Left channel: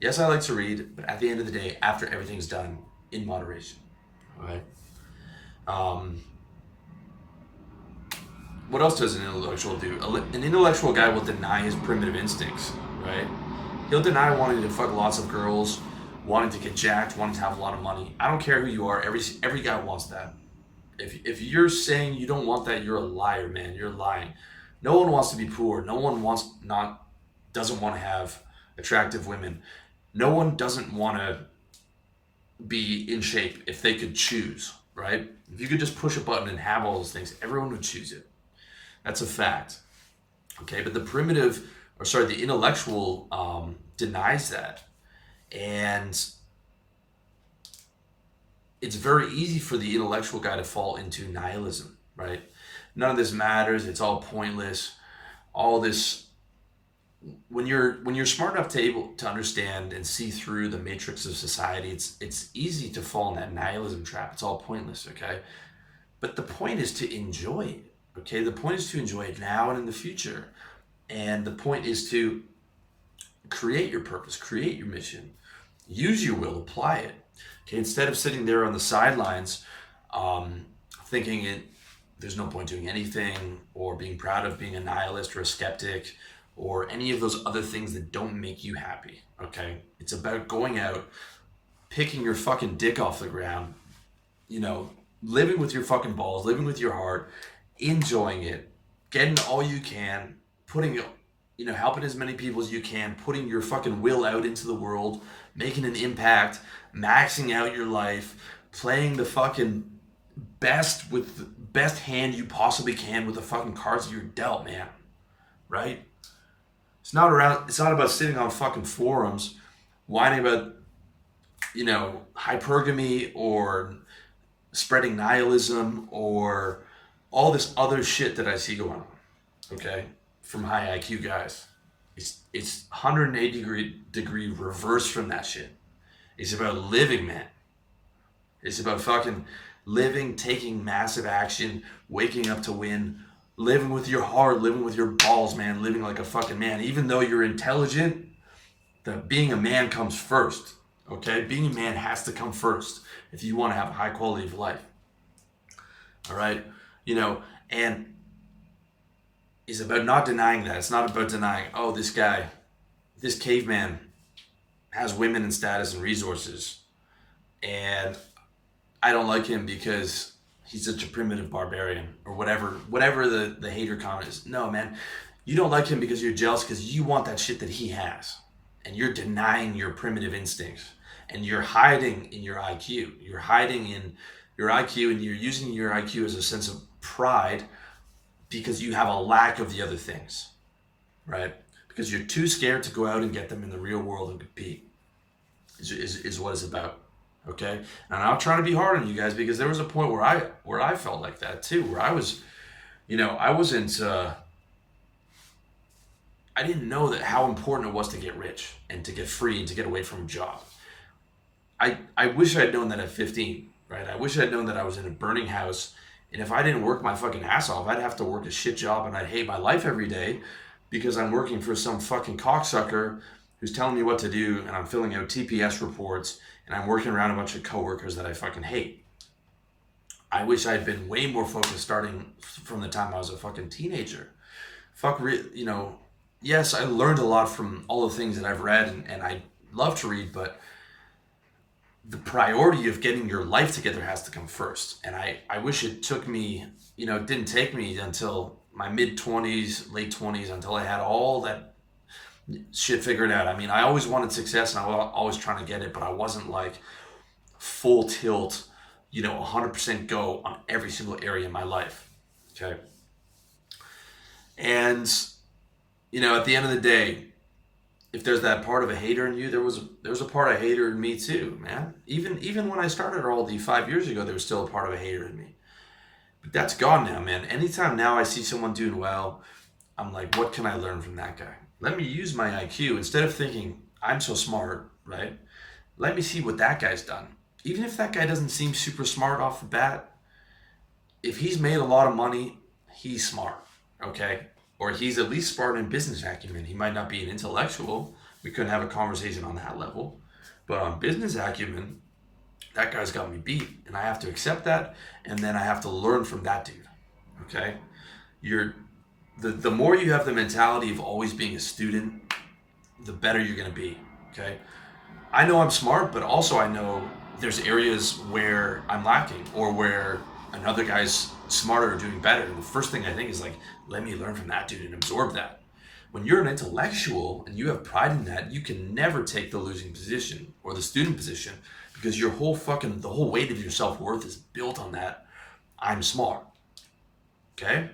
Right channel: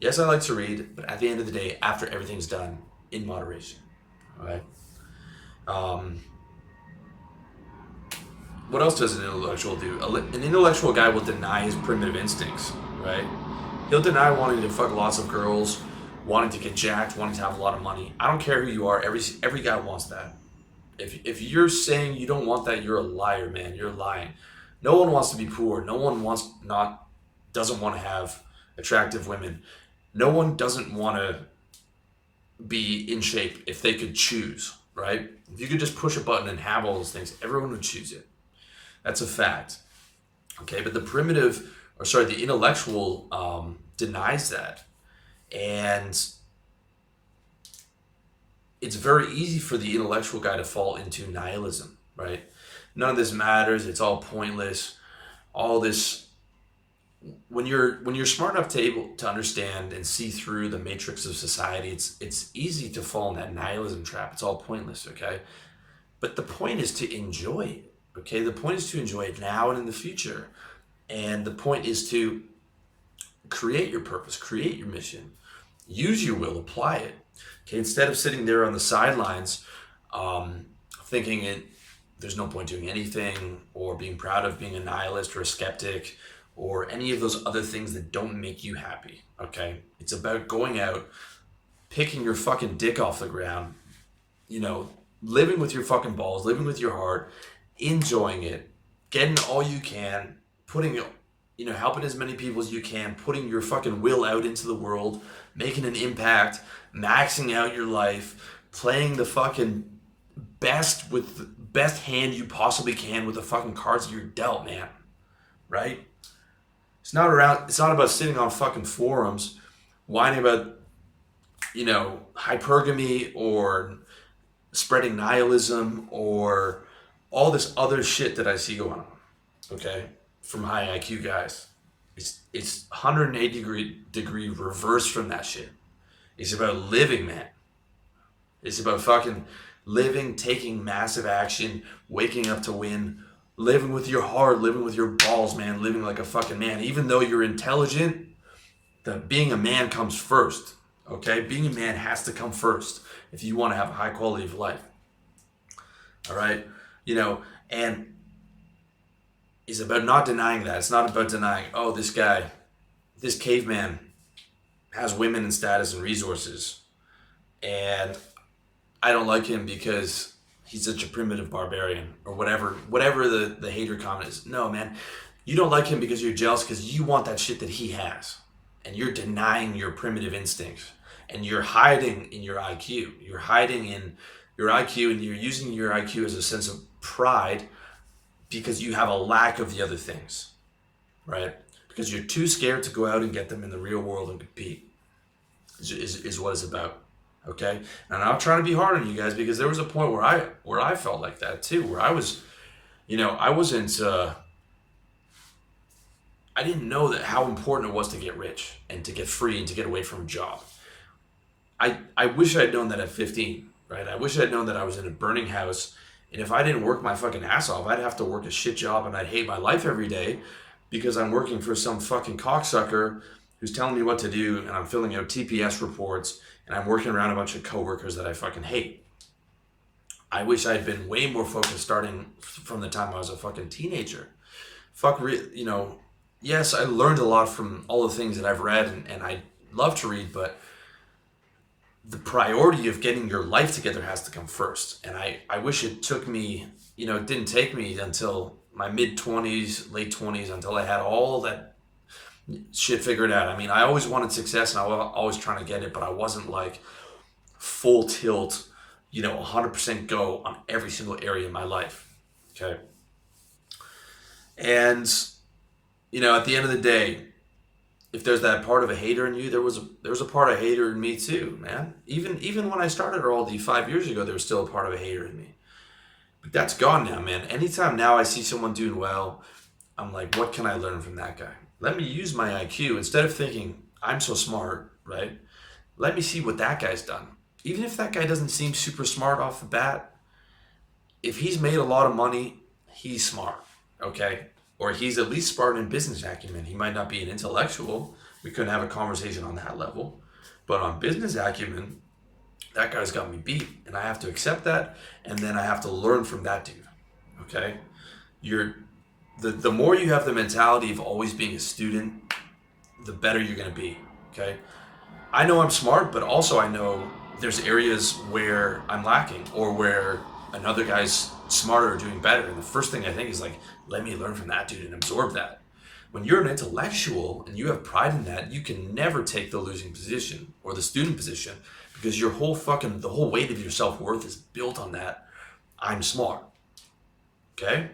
Yes, I like to read, but at the end of the day, after everything's done, in moderation. All right. Um, what else does an intellectual do? An intellectual guy will deny his primitive instincts, right? He'll deny wanting to fuck lots of girls, wanting to get jacked, wanting to have a lot of money. I don't care who you are. Every guy wants that. If you're saying you don't want that, you're a liar, man. You're lying. No one wants to be poor. No one doesn't want to have attractive women. No one doesn't want to be in shape if they could choose, right? If you could just push a button and have all those things, everyone would choose it. That's a fact. Okay, but the intellectual denies that, and it's very easy for the intellectual guy to fall into nihilism, right? None of this matters. It's all pointless. All this when you're smart enough to able to understand and see through the matrix of society, it's easy to fall in that nihilism trap. It's all pointless, okay? But the point is to enjoy it, okay? The point is to enjoy it now and in the future. And the point is to create your purpose, create your mission, use your will, apply it. Okay, instead of sitting there on the sidelines, thinking there's no point doing anything, or being proud of being a nihilist or a skeptic, or any of those other things that don't make you happy. Okay, it's about going out, picking your fucking dick off the ground, living with your fucking balls, living with your heart, enjoying it, getting all you can, helping as many people as you can, putting your fucking will out into the world, making an impact, maxing out your life, playing the fucking best hand you possibly can with the fucking cards you're dealt, man. Right? It's not about sitting on fucking forums whining about, hypergamy or spreading nihilism or all this other shit that I see going on. Okay? From high IQ guys. It's 180 degree reverse from that shit. It's about living, man. It's about fucking living, taking massive action, waking up to win, living with your heart, living with your balls, man, living like a fucking man. Even though you're intelligent, being a man comes first. Okay? Being a man has to come first if you want to have a high quality of life. All right? And it's about not denying that. It's not about denying, oh, this caveman has women and status and resources, and I don't like him because he's such a primitive barbarian, or whatever the hater comment is. No, man, you don't like him because you're jealous because you want that shit that he has, and you're denying your primitive instincts, and you're hiding in your IQ. You're hiding in your IQ, and you're using your IQ as a sense of pride because you have a lack of the other things, right? Because you're too scared to go out and get them in the real world and compete, is what it's about, okay? And I'm not trying to be hard on you guys, because there was a point where I felt like that too, where I was, I wasn't, I didn't know that how important it was to get rich and to get free and to get away from a job. I wish I had known that at 15, right? I wish I had known that I was in a burning house, and if I didn't work my fucking ass off, I'd have to work a shit job, and I'd hate my life every day because I'm working for some fucking cocksucker who's telling me what to do, and I'm filling out TPS reports, and I'm working around a bunch of coworkers that I fucking hate. I wish I'd been way more focused starting from the time I was a fucking teenager. Yes, I learned a lot from all the things that I've read, and I love to read, but the priority of getting your life together has to come first. And I wish it took me, it didn't take me until my mid-20s, late 20s, until I had all that shit figured out. I mean, I always wanted success, and I was always trying to get it, but I wasn't like full tilt, 100% go on every single area in my life. Okay. And, at the end of the day, if there's that part of a hater in you, there was a part of a hater in me too, man. Even when I started RLD 5 years ago, there was still a part of a hater in me. But that's gone now, man. Anytime now I see someone doing well, I'm like, what can I learn from that guy? Let me use my IQ. Instead of thinking, I'm so smart, right? Let me see what that guy's done. Even if that guy doesn't seem super smart off the bat, if he's made a lot of money, he's smart, okay? Or he's at least smart in business acumen. He might not be an intellectual, We couldn't have a conversation on that level. But on business acumen, that guy's got me beat, and I have to accept that, and then I have to learn from that dude. Okay, the more you have the mentality of always being a student, the better you're gonna be. Okay, I know I'm smart, but also I know there's areas where I'm lacking, or where another guy's smarter or doing better. And the first thing I think is like, let me learn from that dude and absorb that. When you're an intellectual and you have pride in that, you can never take the losing position or the student position, because your whole the whole weight of your self-worth is built on that. I'm smart. Okay?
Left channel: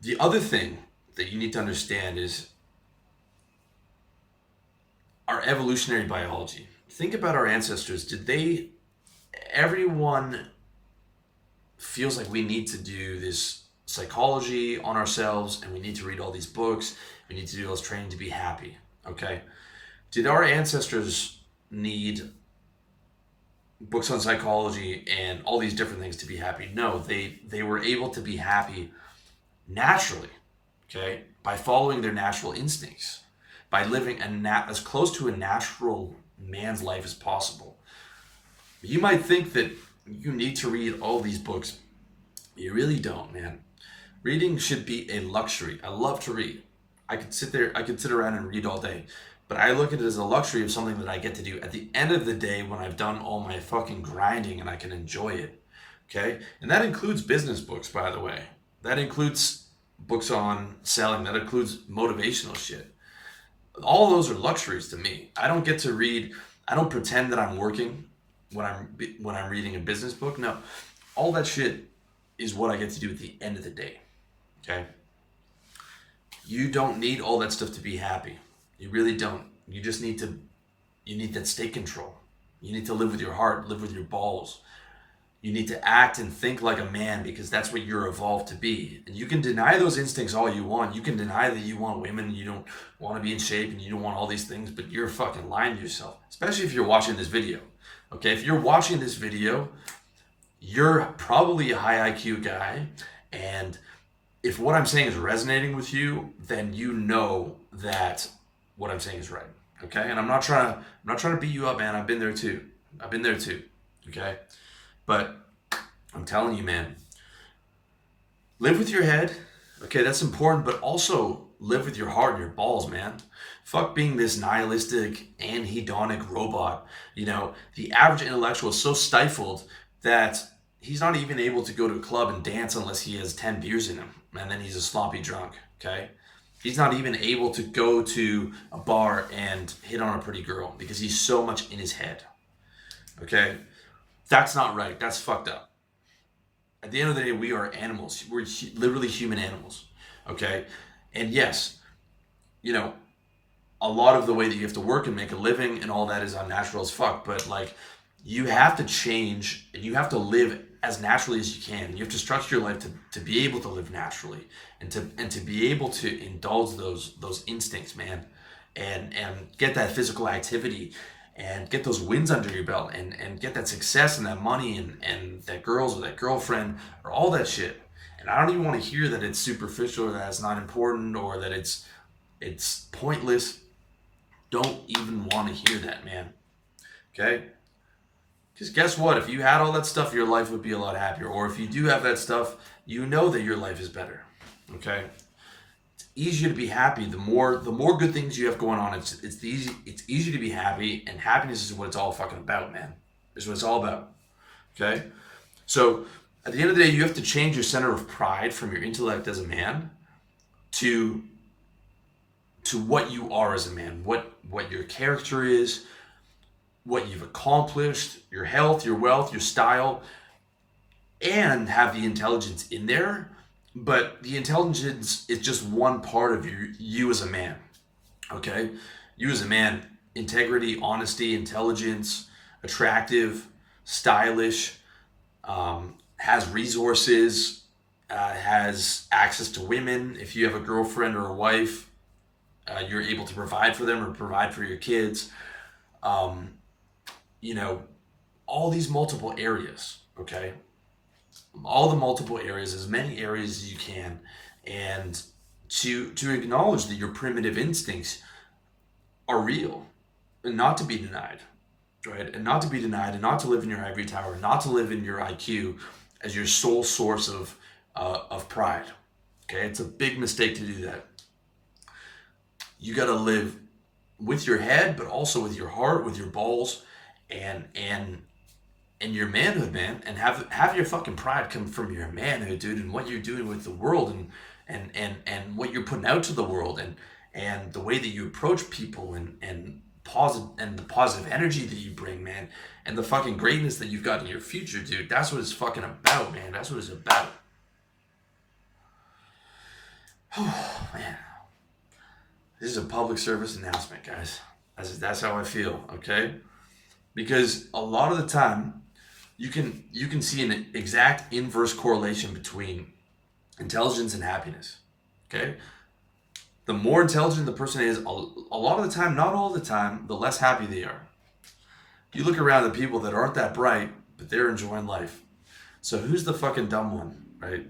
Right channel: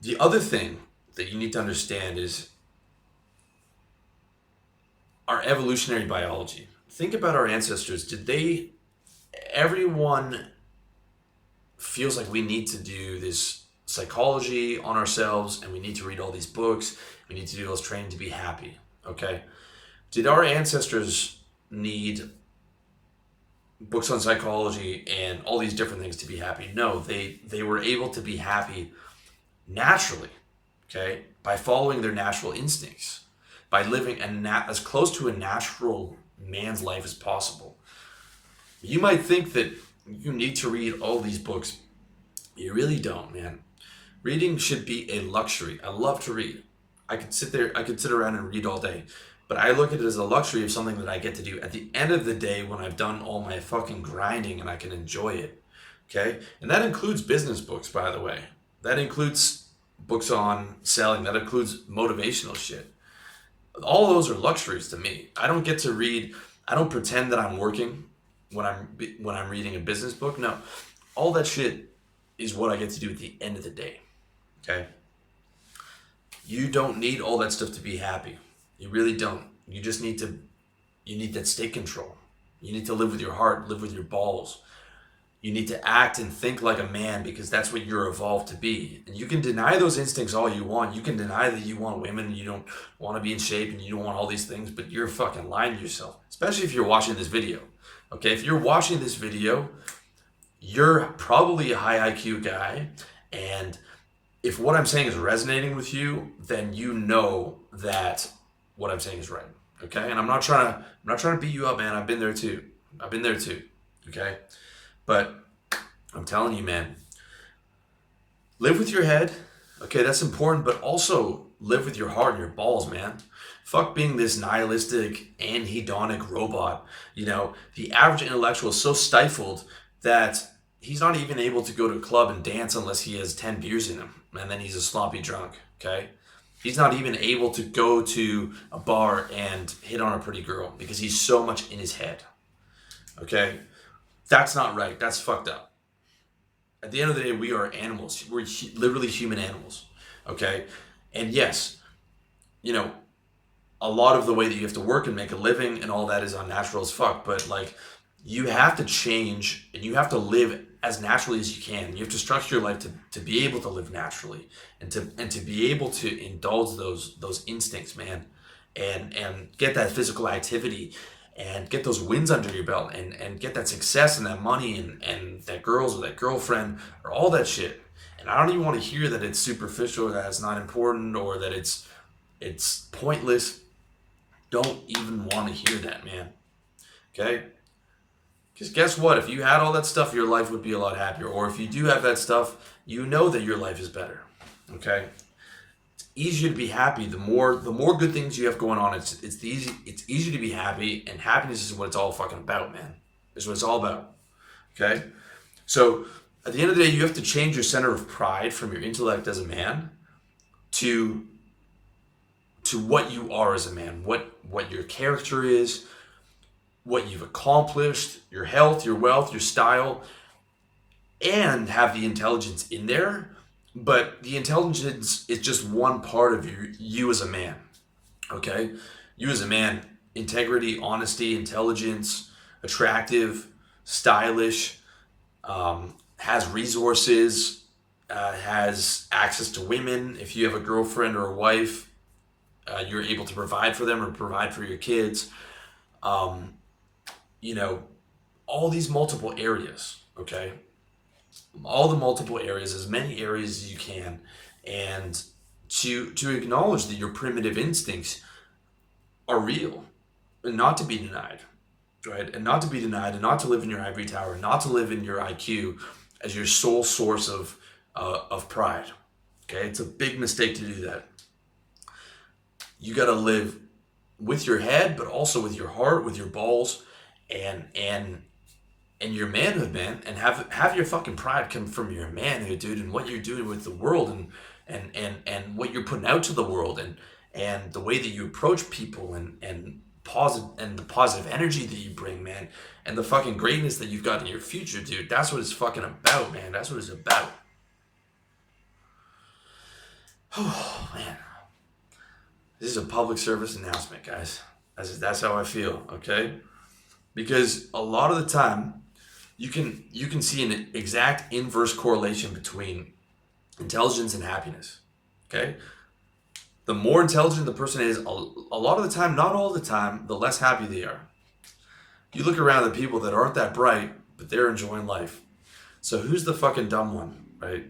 The other thing that you need to understand is our evolutionary biology. Think about our ancestors. Everyone feels like we need to do this psychology on ourselves, and we need to read all these books, we need to do all this training to be happy. Okay? Did our ancestors need books on psychology and all these different things to be happy? No, they were able to be happy naturally, okay, by following their natural instincts, by living as close to a natural man's life as possible. You might think that you need to read all these books. You really don't, man. Reading should be a luxury. I love to read. I could sit around and read all day. But I look at it as a luxury of something that I get to do at the end of the day when I've done all my fucking grinding and I can enjoy it. Okay? And that includes business books, by the way. That includes books on selling. That includes motivational shit. All those are luxuries to me. I don't get to read. I don't pretend that I'm working when I'm reading a business book. No. All that shit is what I get to do at the end of the day. Okay? You don't need all that stuff to be happy. You really don't. You just need that state control. You need to live with your heart, live with your balls. You need to act and think like a man, because that's what you're evolved to be. And you can deny those instincts all you want. You can deny that you want women, you don't want to be in shape, and you don't want all these things, but you're fucking lying to yourself. Especially if you're watching this video. Okay, if you're watching this video, you're probably a high IQ guy, and if what I'm saying is resonating with you, then you know that what I'm saying is right. Okay? And I'm not trying to beat you up, man. I've been there too. Okay? But I'm telling you, man, live with your head. Okay, that's important, but also live with your heart and your balls, man. Fuck being this nihilistic, anhedonic robot. You know, the average intellectual is so stifled that he's not even able to go to a club and dance unless he has 10 beers in him, and then he's a sloppy drunk. Okay? He's not even able to go to a bar and hit on a pretty girl because he's so much in his head. Okay? That's not right. That's fucked up. At the end of the day, we are animals. We're literally human animals. Okay? And yes, you know, a lot of the way that you have to work and make a living and all that is unnatural as fuck, but like, you have to change and you have to live as naturally as you can. You have to structure your life to be able to live naturally and to be able to indulge those instincts, man, and get that physical activity and get those wins under your belt and get that success and that money and that girls or that girlfriend or all that shit. And I don't even want to hear that it's superficial or that it's not important or that it's pointless. Don't even want to hear that, man. Okay? Because guess what? If you had all that stuff, your life would be a lot happier. Or if you do have that stuff, you know that your life is better. Okay? It's easier to be happy. The more good things you have going on, it's easy to be happy, and happiness is what it's all fucking about, man. It's what it's all about. Okay? So at the end of the day, you have to change your center of pride from your intellect as a man to what you are as a man, what your character is, what you've accomplished, your health, your wealth, your style, and have the intelligence in there. But the intelligence is just one part of you as a man. Okay? You as a man, integrity, honesty, intelligence, attractive, stylish, has resources, has access to women. If you have a girlfriend or a wife, you're able to provide for them or provide for your kids. You know, all these multiple areas, okay? All the multiple areas, as many areas as you can. And to acknowledge that your primitive instincts are real and not to be denied, right? And not to be denied, and not to live in your ivory tower, not to live in your IQ as your sole source of pride. Okay, it's a big mistake to do that. You got to live with your head, but also with your heart, with your balls, and your manhood, man, and have your fucking pride come from your manhood, dude, and what you're doing with the world, and what you're putting out to the world, and the way that you approach people, and positive, and the positive energy that you bring, man, and the fucking greatness that you've got in your future, dude. That's what it's fucking about, man. That's what it's about. Oh man, this is a public service announcement, guys. That's how I feel, okay? Because a lot of the time, you can see an exact inverse correlation between intelligence and happiness. Okay, the more intelligent the person is, a lot of the time, not all the time, the less happy they are. You look around the people that aren't that bright, but they're enjoying life. So who's the fucking dumb one, right?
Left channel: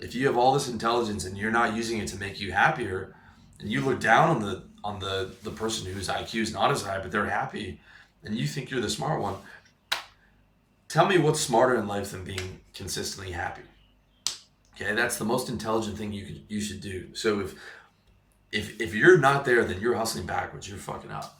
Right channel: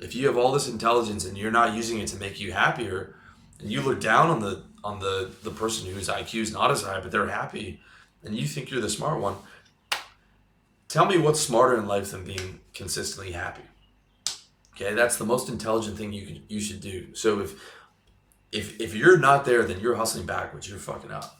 If you have all this intelligence and you're not using it to make you happier, and you look down on the person whose IQ is not as high, but they're happy, and you think you're the smart one, tell me what's smarter in life than being consistently happy. Okay, that's the most intelligent thing you should do. So if you're not there, then you're hustling backwards. You're fucking up.